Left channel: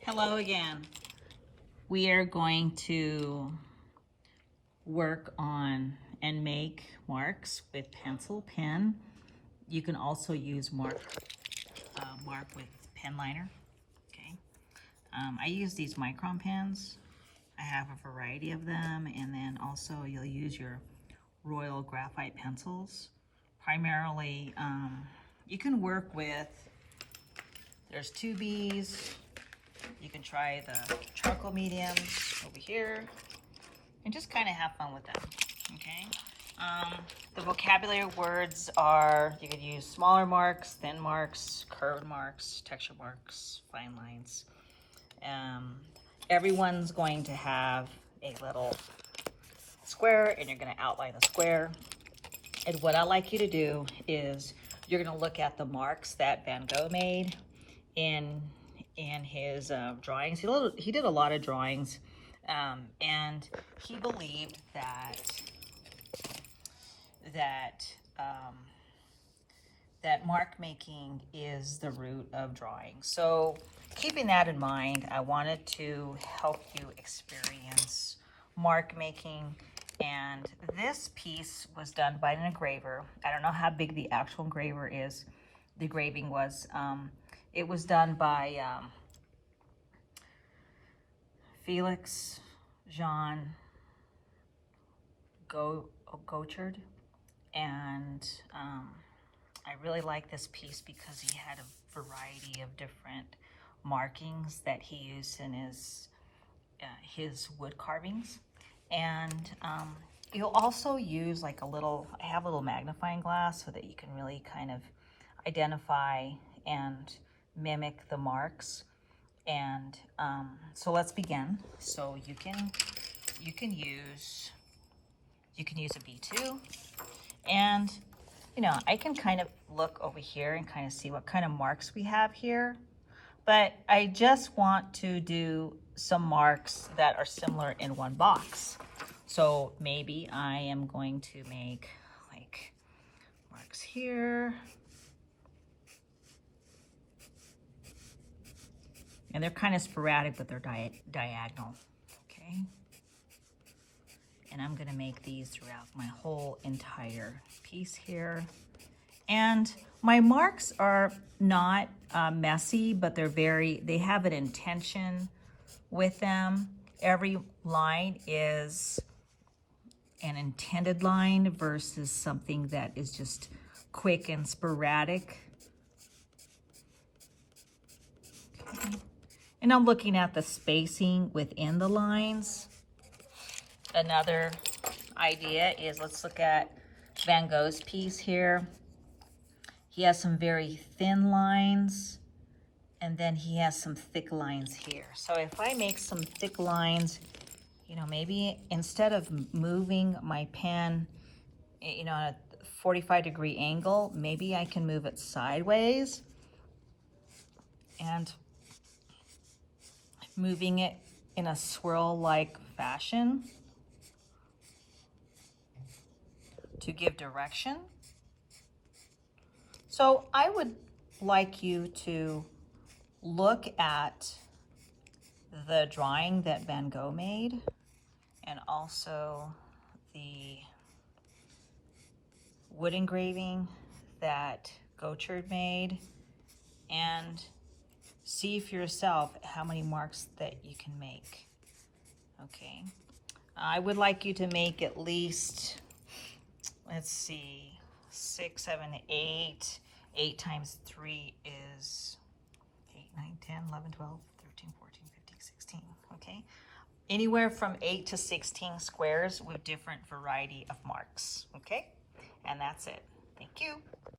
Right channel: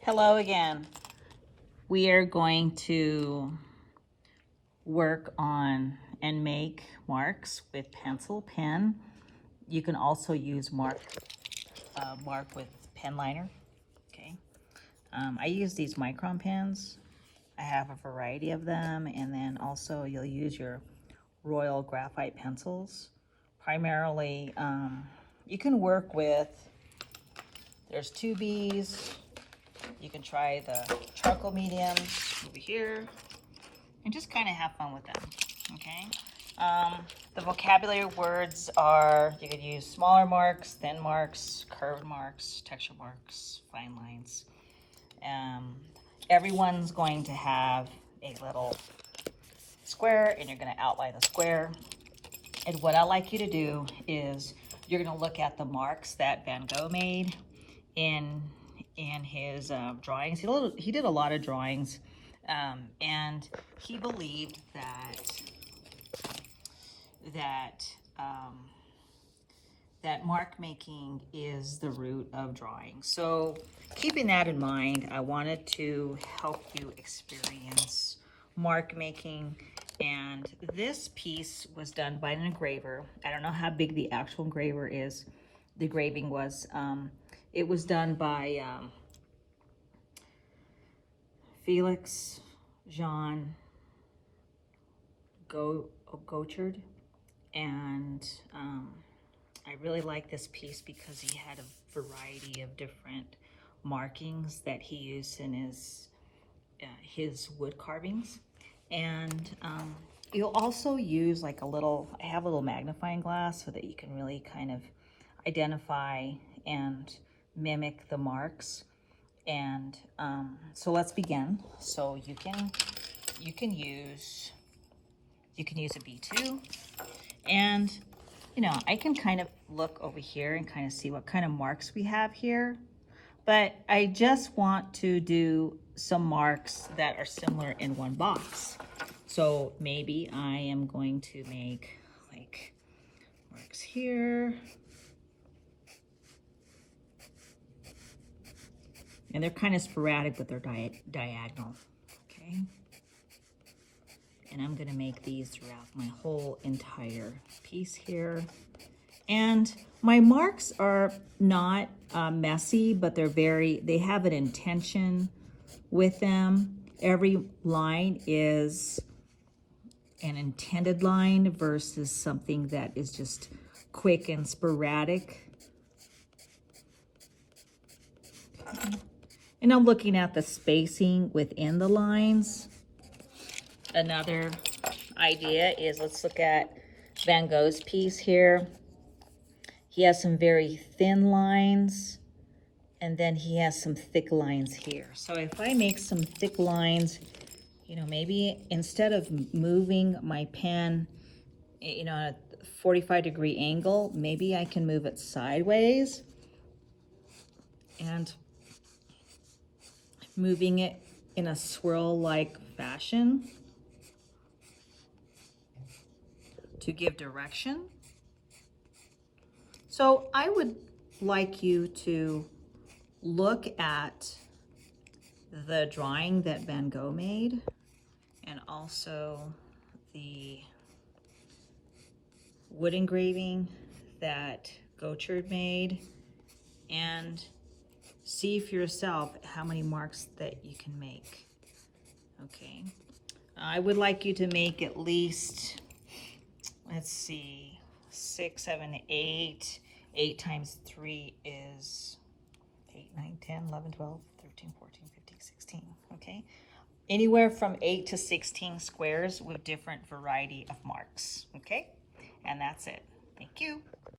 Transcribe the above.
Hello again. We are going to work on and make marks with pencil, pen. You can also use mark with pen liner. Okay. I use these Micron pens. I have a variety of them, and then also you'll use your Royal Graphite pencils. Primarily, you can work with, there's 2Bs. You can try the charcoal mediums over here and just kind of have fun with them, okay? The vocabulary words are, you could use smaller marks, thin marks, curved marks, texture marks, fine lines. Everyone's going to have a little square, and you're going to outline the square. And what I like you to do is you're going to look at the marks that Van Gogh made in his drawings. He did a lot of drawings, and he believed that mark making is the root of drawing. So keeping that in mind, I wanted to help you experience mark making. And this piece was done by an engraver. I don't know how big the actual engraver is. The engraving was, it was done by Felix Jean Gauchard, and I really like this piece because he had a variety of different markings that he used in his wood carvings. And you'll also use like I have a little magnifying glass so that you can really kind of identify and mimic the marks. And so let's begin. So you can use a B2, and I can kind of look over here and kind of see what kind of marks we have here, but I just want to do some marks that are similar in one box. So maybe I am going to make like marks here. And they're kind of sporadic, but they're diagonal, okay? And I'm gonna make these throughout my whole entire piece here. And my marks are not messy, but they have an intention with them. Every line is an intended line versus something that is just quick and sporadic. Okay. And I'm looking at the spacing within the lines. Another idea is, let's look at Van Gogh's piece here. He has some very thin lines, and then he has some thick lines here. So if I make some thick lines, maybe instead of moving my pen, at a 45-degree angle, maybe I can move it sideways and moving it in a swirl-like fashion to give direction. So I would like you to look at the drawing that Van Gogh made, and also the wood engraving that Gauchard made, and see for yourself how many marks that you can make. Okay, I would like you to make at least, let's see, 6, 7, 8. 8 times 3 is 8, 9, 10, 11, 12, 13, 14, 15, 16, okay? Anywhere from 8 to 16 squares with different variety of marks, okay? And that's it. Thank you.